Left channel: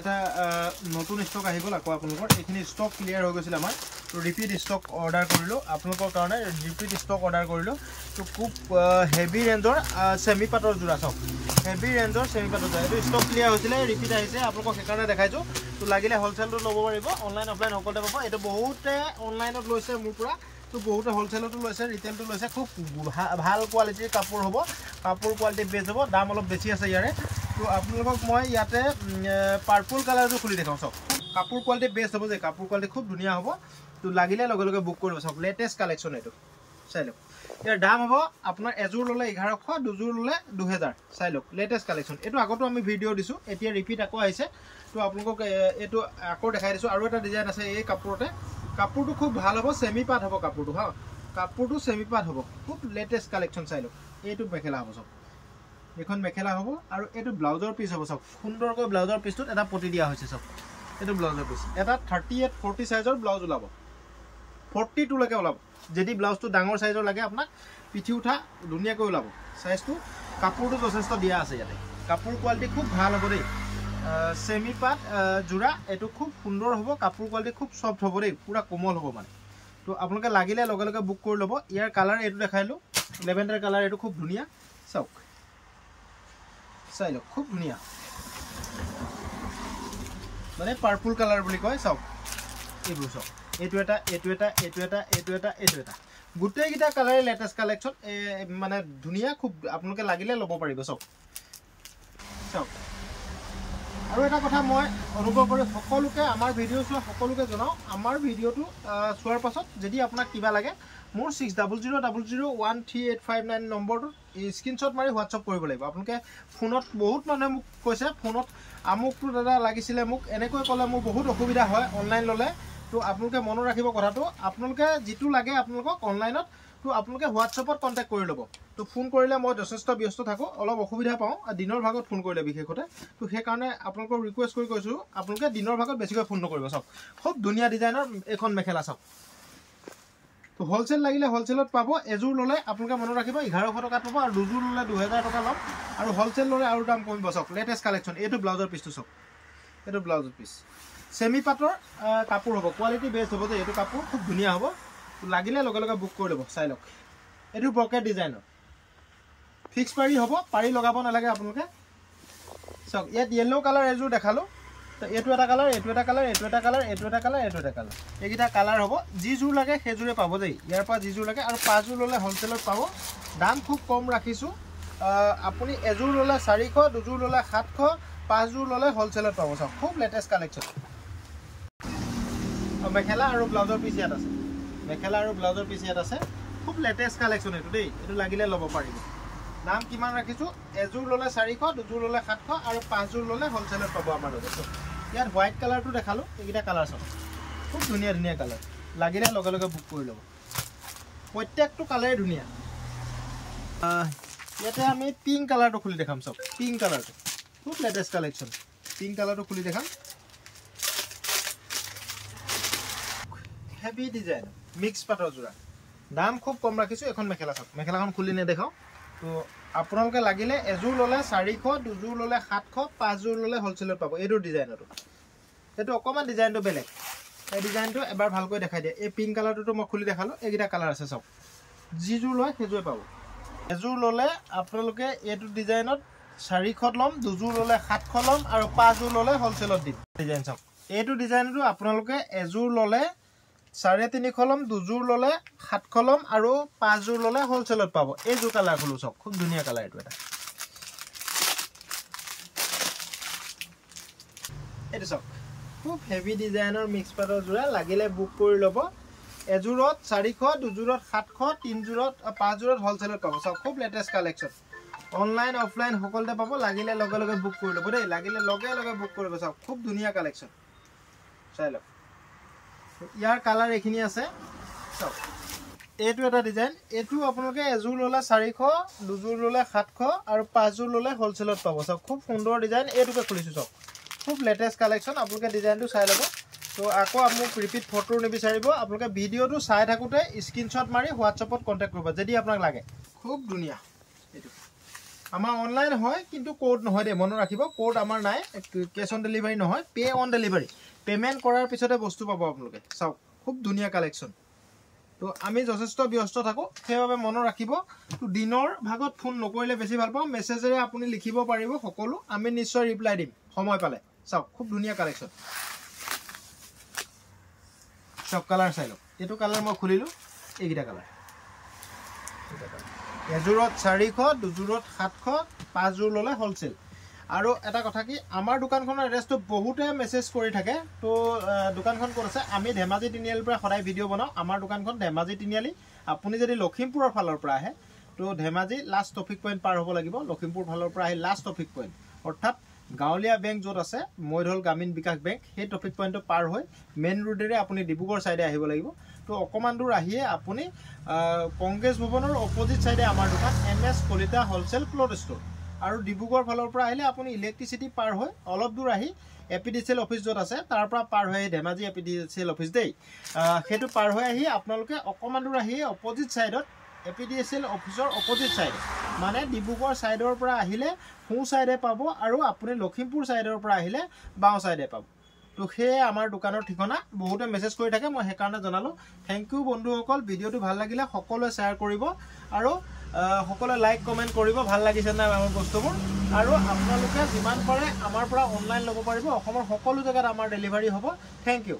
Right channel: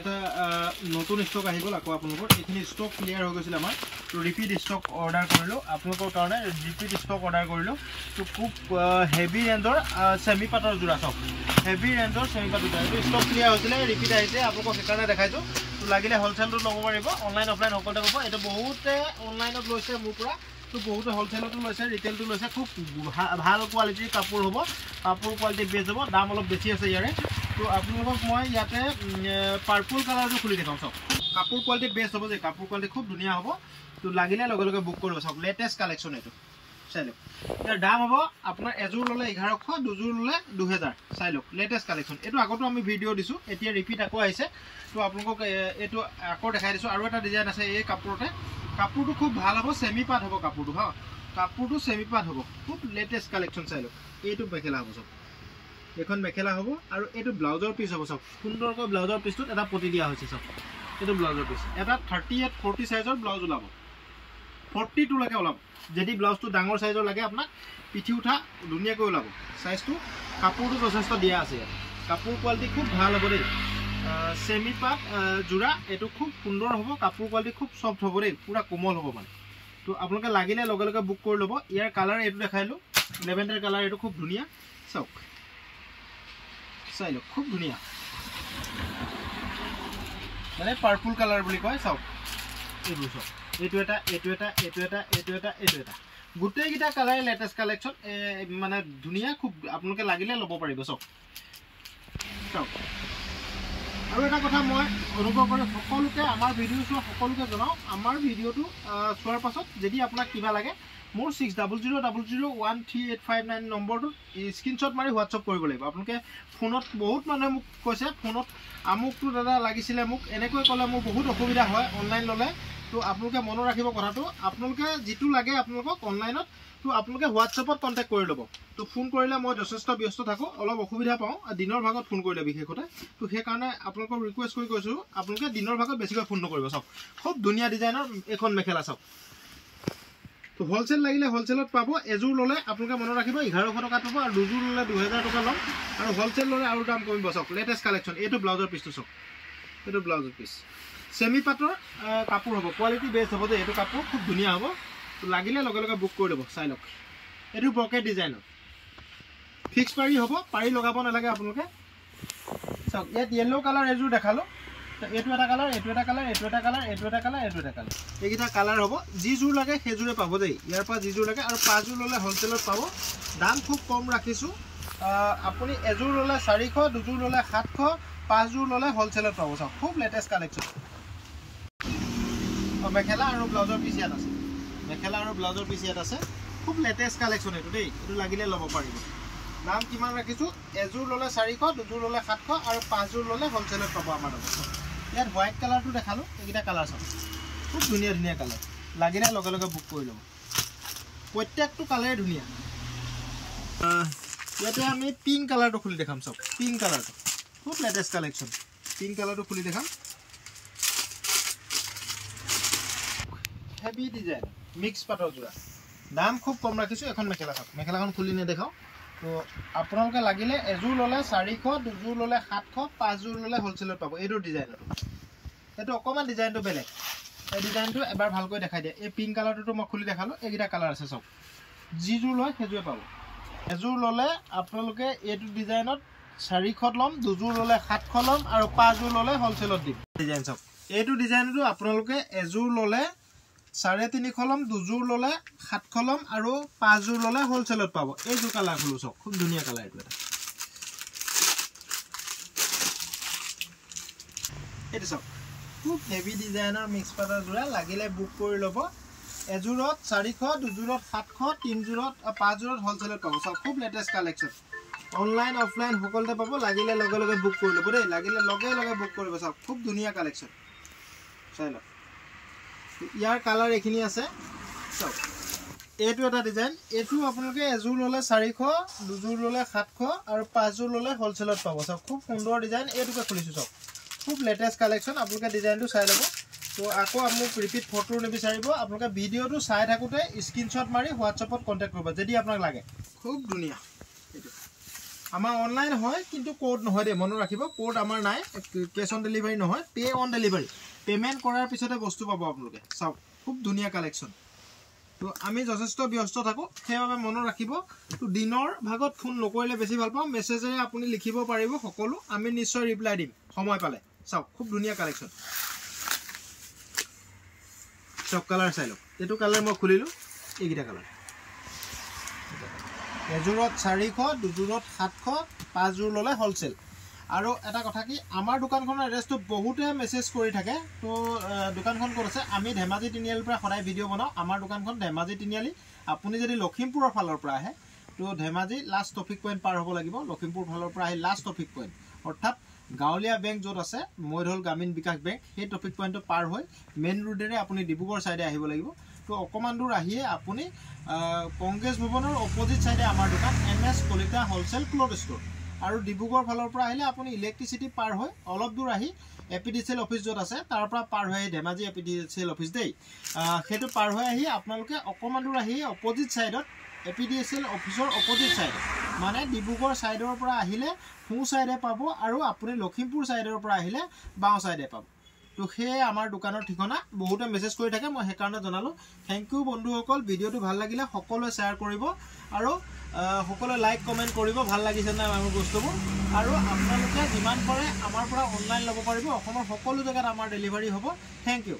এটা নতুন স্টক আহিবল আকৌ আপোনালোকৰ এইখিনি স্টক ক্লিয়াৰ হৈ গৈছিল আমাৰ তো ৰিপিট স্টক অৰ্ডাৰ কৰিলো আপোনালোকৰ কাৰণে ৰিপিট স্টক অৰ্ডাৰ কৰিলো তো খুব হেভি ৰেঞ্জৰ সেমি পাটৰ জোৰা চাওক হেভি ৰেঞ্জৰ সেমি পাটৰ জোৰা এইটো স্টক ক্লিয়াৰ হৈছিল ৰিপিট আহিছে আপোনালোকক সেইকাৰণে দেখাইছো তো লাগিলে হোলসেলটো ল'ব পাৰিব অনলাইন অফলাইন সকলোতে পাব এটা বহুতে অনলাইনত লৈছে মোৰ পৰা তো বহুতে হোলসেলটো লৈছে ৰিটেইলটো লৈছে খুব ভাল কোৱালিটিৰ কাপোৰ হ'ব কাপোৰ কোৱালিটি বেছ হ'ব দাম অলপ বেছি আছে ইয়াৰে তো আপোনালোকক মই ইয়াতে পাৰ্পল কালাৰটো খুলি দেখাওঁ চাওক কাপোৰ কোৱালিটি বেষ্ট হ'ব যে কাপোৰ কোৱালিটি খুব ধুনীয়া হ'ব তো লাগিলে লগে লগে বুক কৰিব চাওক লেটেষ্ট কালেকশ্যন এইটো চাই লওক ইয়াৰ দাম হ'ব আপোনাৰ এযোৰ ল'লে 1100 দুযোৰ ল'লে 2000 চাই লওক লেটেষ্ট কালেকশ্যন এইটো আগতো আমি ভিডিঅ' দিছোঁ এতিয়া ৰিপিট আকৌ আহিছে তো আপোনালোকক এইটো আকৌ দেখাই দিছোঁ আৰু এটা ডিজাইন আছে এই কাপোৰতে কাপোৰটো খুব ভাল হ'ব সেমি পাট হ'ব কাপোৰটো হা কাপোৰটো সেমি পাট হ'ব খুব লেটেষ্ট কালেকশ্যন চাই লওক এইটো মেখেলা হ'ব চাওক এখন মেখেলা হ'ব আৰু এইটো ব্লাউজৰ পিস হ'ব চাওক সুন্দৰকৈ ব্লাউজৰ পিসটোত এটা পটি দিয়া হৈছে চাওক এইটো ব্লাউজৰ পিস এটা 38 40 সাইজৰ ব্লাউজ ওলাব 42 লৈকে ওলাব যদি ব্লাউজটো ডাঙৰ সাইজৰ লাগে আপোনাক পিঠি উঠা ধুনীয়াকৈ ওলাব সাইজটো কাপোৰটো যথেষ্ট দিয়া আছে ইয়াতে কাপোৰ কোৱালিটি খুব ভাল হ'ব দেই সেমি পাট জোৰা এইটো খুব সুন্দৰ হ'ব কাপোৰ কোৱালিটি খুব সফট হ'ব দেই পুৰা কোমল হ'ব মানে তো আপোনালোকে লাগিলে লগে লগে বুক কৰি ল'ব ইয়াৰ কালাৰ এইটো দেখাইলো লেভেণ্ডাৰ কালাৰ এইটো খুব ধুনীয়া চাওক চাই লওক খুব ধুনীয়া মানে পাৰ্পল কালাৰ বুলি কয় চাওক এইবোৰ চাওক এইটো এটা এইটো এটা এইটো এটা এইটো এটা এইটো এটা গোটেইকেইটা কালাৰ লেটেষ্ট কালেকশ্যন মানে ধুনীয়া খুব আপোনালোকে লাগিলে ল'ব পাৰিব চাওক চাওক আৰু এটা কথা মই অনুভৱ কৰি সকলোকে আমাৰ ভিডিঅ' চোৱা সকলোকে জনাওঁ আমাৰ ভিডিঅ'টো চোৱাৰ পাছত যদি আপোনাক কিবা লাগে মোৰ 60001385 নম্বৰটো স্ক্ৰীনশ্বট মাৰি হোৱাটছআপ কৰিব লাগিব আপোনালোকে ফোনত বহুত মানুহে মোক কৈছে ফোনত আমুকটো দাদা লাগিছিলে মোক এনেকৈ ক'লে মোৰ বহুত অসুবিধা হয় অনলাইন ল'লে তো আপোনালোকে মনত ৰাখিব কথাটো আপোনালোকে যিটো লাগে আপোনালোকক অনলাইনত তো আপোনালোকে হোৱাটছআপত কণ্টেক্ট কৰি ল'ব তো ফোন কৰিলে মই যথেষ্ট ব্যস্ত থাকোঁ অলপ অসুবিধা পাওঁ দিনৰ ভাগত ফোন কৰিলে বিশেষতে তো সেইকাৰণে আপোনালোকক ৰিকুৱেষ্ট কৰি কৈছোঁ আপোনালোকে দিনৰ ভাগত বেছিকৈ ফোন নকৰিব চাওক খুব ধুনীয়া ডিজাইনৰ এখন মেখেলা চাওক তো হোলসেল লাগিলে হোলসেলত পাব এযোৰ ল'লে আপোনালোকে মনত ৰাখিব 1100 টকা পাব আৰু দুযোৰ ল'লে 2000 টকা ল'ম আৰু হোলসেল ল'লে আৰু দাম কমিব চাওক লেটেষ্ট কালেকশ্যন এইটো ব্লাউজৰ পিচটো চাওক এইটো ব্লাউজৰ পিচ সেমি পাটৰ কাপোৰ হ'ব কোৱালিটি বেষ্ট হ'ব যে এইটো কাপোৰ খুব ধুনীয়া হ'ব লাগিলে লগে লগে বুক কৰি ল'ব চাই লওক এইটো ব্ৰকেট ডিজাইনৰ ফিক্স পাৰি হ'ব পাৰি লগাব নালাগে আপোনালোকে চাওক ইয়াত য়েল্লো কালাৰ এযোৰ দেখালোঁ তো এইটো এটা কালাৰ এইটো এটা কালাৰ এইটো এটা কালাৰ এইটো এটা কালাৰ এইটো এটা কালাৰ এইকেইটা কালাৰ হ'ব যিযোৰ লাগে সেইযোৰে পাব দেই ইয়াৰ পৰা যিযোৰ লাগে আৰু 5 যোৰ ল'লে হোলসেলত পাব দাম খুব কম ৰাখিছোঁ আপুনি এযোৰ ল'লে 400 দুযোৰ ল'লে 700 5 যোৰ ল'লে হোলসেলত পাব চাওক খুব লেটেষ্ট কালেকশ্যন মেখেলা আৰু ব্লাউজৰ পিচ ইয়াত আছে মেখেলা আৰু ব্লাউজৰ পিচ ইয়াত আছে খুব লেটেষ্ট কালেকশ্যন এইটো দেই এইটো লাগিলে ল'ব পাৰিব দাম কিমান ৰাখিছোঁ এযোৰ ল'লে 400 দুযোৰ ল'লে 700 আৰু 5 যোৰ ল'লে হোলসেলত পাব আমাৰ লগত ইয়াত হোৱাইট কালাৰটো দেখালোঁ এইকেইটা কালাৰ চাওক খুব ধুনীয়া ধুনীয়া কালাৰ লাগিলে লগে লগে বুক কৰি ল'ব প্ৰত্যেকটো কালাৰে ধুনীয়া ইয়াতে আমি পিংক কালাৰটো খুলি দেখাম চাওক পিংক কালাৰটো খুব লেটেষ্ট কালেকশ্যন পিংক কালাৰটো খুলি দেখাম হেভি ডিজাইন মিক্স পাটৰ জোৰা দাম খুব কম ৰাখিছোঁ এখন মেখেলা চাওক মেখেলাখন খুলি নেদেখাওঁ তো আপোনালোকে লাগিলে এযোৰ ল'লে 400 দুযোৰ ল'লে 700 5 যোৰ ল'লে হোলসেলত পাব এইটো ডিজাইনটো এইটো অকণমান ডিজাইনটো বেলেগ এই ডিজাইনটো এবাৰ ভালকৈ দেখাই দিয়ে এই পিংক কালাৰটো মই খুলি দেখালোঁ এইকেইটা কালাৰ আছে চাওক যিযোৰ লয় সেইযোৰে পাব এযোৰ ল'লে আপোনালোকে এইটো ডিজাইনত 400 ল'ম দুযোৰ ল'লে 700 ল'ম আৰু 5 যোৰ ল'লে হোলসেলত দিম ডিজাইন চাওক এইটো ডিজাইনটো আপোনালোকে এযোৰ ল'লে 350 ল'ম দুযোৰ ল'লে 700 ল'ম আৰু 5 যোৰ ল'লে হোলসেলত পাব এইযোৰ কালাৰ খুলো চাওক খুব ধুনীয়া কালাৰ এইটো এটা এইটো চাওক খুব হেভি ডিজাইনৰ মিক্স পাটৰ জোৰা লাগিলে বুক কৰি ল'ব এযোৰত 400 দুযোৰত 700 তিনযোৰত 5 যোৰত হোলসেলত পাব চাওক খুব লেটেষ্ট কালেকশ্যন অনলাইন অফলাইন সকলোতে পাব লাগিলে লগে লগে বুক কৰি ল'ব দেই লাগিলে লগে লগে বুক কৰিব চাওক খুব ধুনীয়া কালেকশ্যন চাই লওক ইয়াৰ কালাৰ এইখিনি আছে চাওক এইটো এটা ডিজাইন এইটো আপোনালোকে এযোৰ ল'লে 400 দুযোৰ ল'লে 700 আৰু 5 যোৰ ল'লে হোলসেলত পাব চাওক খুব সুন্দৰ ডিজাইন এইটোকে খুলিছোঁ চাওক খুব লেটেষ্ট কালেকশ্যন আপোনালোকে ডিজাইনটো চাই ল'ব তো আকৌ মোক ৰিপিট ফটো নিবিচাৰিব আপোনালোকে ভিডিঅ'টো চাই থাকোঁতে স্ক্ৰীনশ্বট মাৰি হোৱাটছআপত কণ্টেক্ট কৰিব যদি আপোনাক লাগে খুব ধুনীয়া এইটো আমাৰ অনলাইন হয় কিন্তু কোড নহয় দে মনত ৰাখিব কোড আমাৰ নাই কেছ অন ডেলিভাৰী নহয় পে অন ডেলিভাৰী পেমেন্ট কৰাৰ পিছতে বস্তু পাব আপোনালোকে চাওক খুব ধুনীয়া কালেকশ্যন তো আমি যথেষ্ট ব্যস্ত থাকো সেইবাবে মনত ৰাখিব তো দিনৰ ভাগত ফোন নকৰিলে বেছি ভাল পাওঁ মেছেজেৰে আপুনি লিখিব পাৰিব সকলো আমি নিশ্চয় ৰিপ্লাই দিম সময় পালে চাওক খুব ধুনীয়া কালেকশ্যন সব কালাৰ চাই লওক এইটো কালাৰ মই খুলিলোঁ এইকেইটা কালাৰ এযোৰত 400 দুযোৰত 700 5যোৰ ল'লে হোলসেল আৰু এটা কথা কি আমাৰ দোকানখনৰ এড্ৰেছটো বহুতে মেছেজ কৰি থাকে তো দোকানখন ক'ত আছে আমি ধেমাজি তিনিআলিৰ পৰা সদায় ভিডিঅ' বনাওঁ আমাৰ দোকানখন ধেমাজি তিনিআলি আপুনি যদি লখিমপুৰৰ ফালৰ পৰা আহে তো ধেমাজি লাষ্ট ট্ৰাফিক পইণ্ট পাৰ হ'ব লাগিব লখিমপুৰ ফালৰ পৰা আহি লাষ্ট ট্ৰাফিক পইণ্ট অৰ্থাৎ গাঁৱলীয়া বেংক য'ত আছে মৈধল গ্ৰামীণ বিকাশ বেংক সেই ট্ৰাফিক পইণ্টটো পাৰ হৈ মেইন ৰোডেৰে আপুনি ডিব্ৰুগড় ছাইডে আহিব লাগিব তো অকমান দূৰ আহিয়ে আপুনি কংগ্ৰেছ ভৱনৰ অপজিট ছাইডে আমাৰ দোকান MS Kalita wholesale cloth store আৰু ডিব্ৰুগড় ফালৰ পৰা আহিলে আপুনি ইলেক্ট্ৰিচিটি পাৰ হৈ অলপ দূৰ আহি এপিডিচিএল অফিস য'ত আছে তাৰ পৰা পাৰ হৈ ধেমাজি এপিডিচিএল অফিস দেই সেইটো পাৰ হৈ আহি আপোনালোকে অকমান দূৰ আহি অপজিট ছাইডত এপিডিচিএল অফিসৰ অপজিট ছাইডে মানে ডিব্ৰুগড় ছাইডৰ পৰা আহিলে সোঁ ছাইডে পাব আৰু আপুনি লখিমপুৰ ছাইডৰ পৰা আহিলে বাওঁ ছাইডে পাব তো সেই আমাৰ দোকানৰ ঠিকনা বহুতে মেছেজ কৰি থাকে মই সেইকাৰণে জনালো থ্যাংক ইউ বন্ধুসকল ভিডিঅ'টো ভাল লাগিলে সকলোৱে শ্বেয়াৰ কৰিব আৰু সকলোৱে লাইক কমেন্ট কৰিব ভাল লাগিছে না আমাৰ বস্তুবোৰ আৰু আপোনালোকে যিমান পাৰে আমাৰ পৰা অনলাইন ল'ব পাৰিব অসমৰ সকলো জায়গাত আমাৰ ডেলিভাৰী হ'ব থ্যাংক ইউ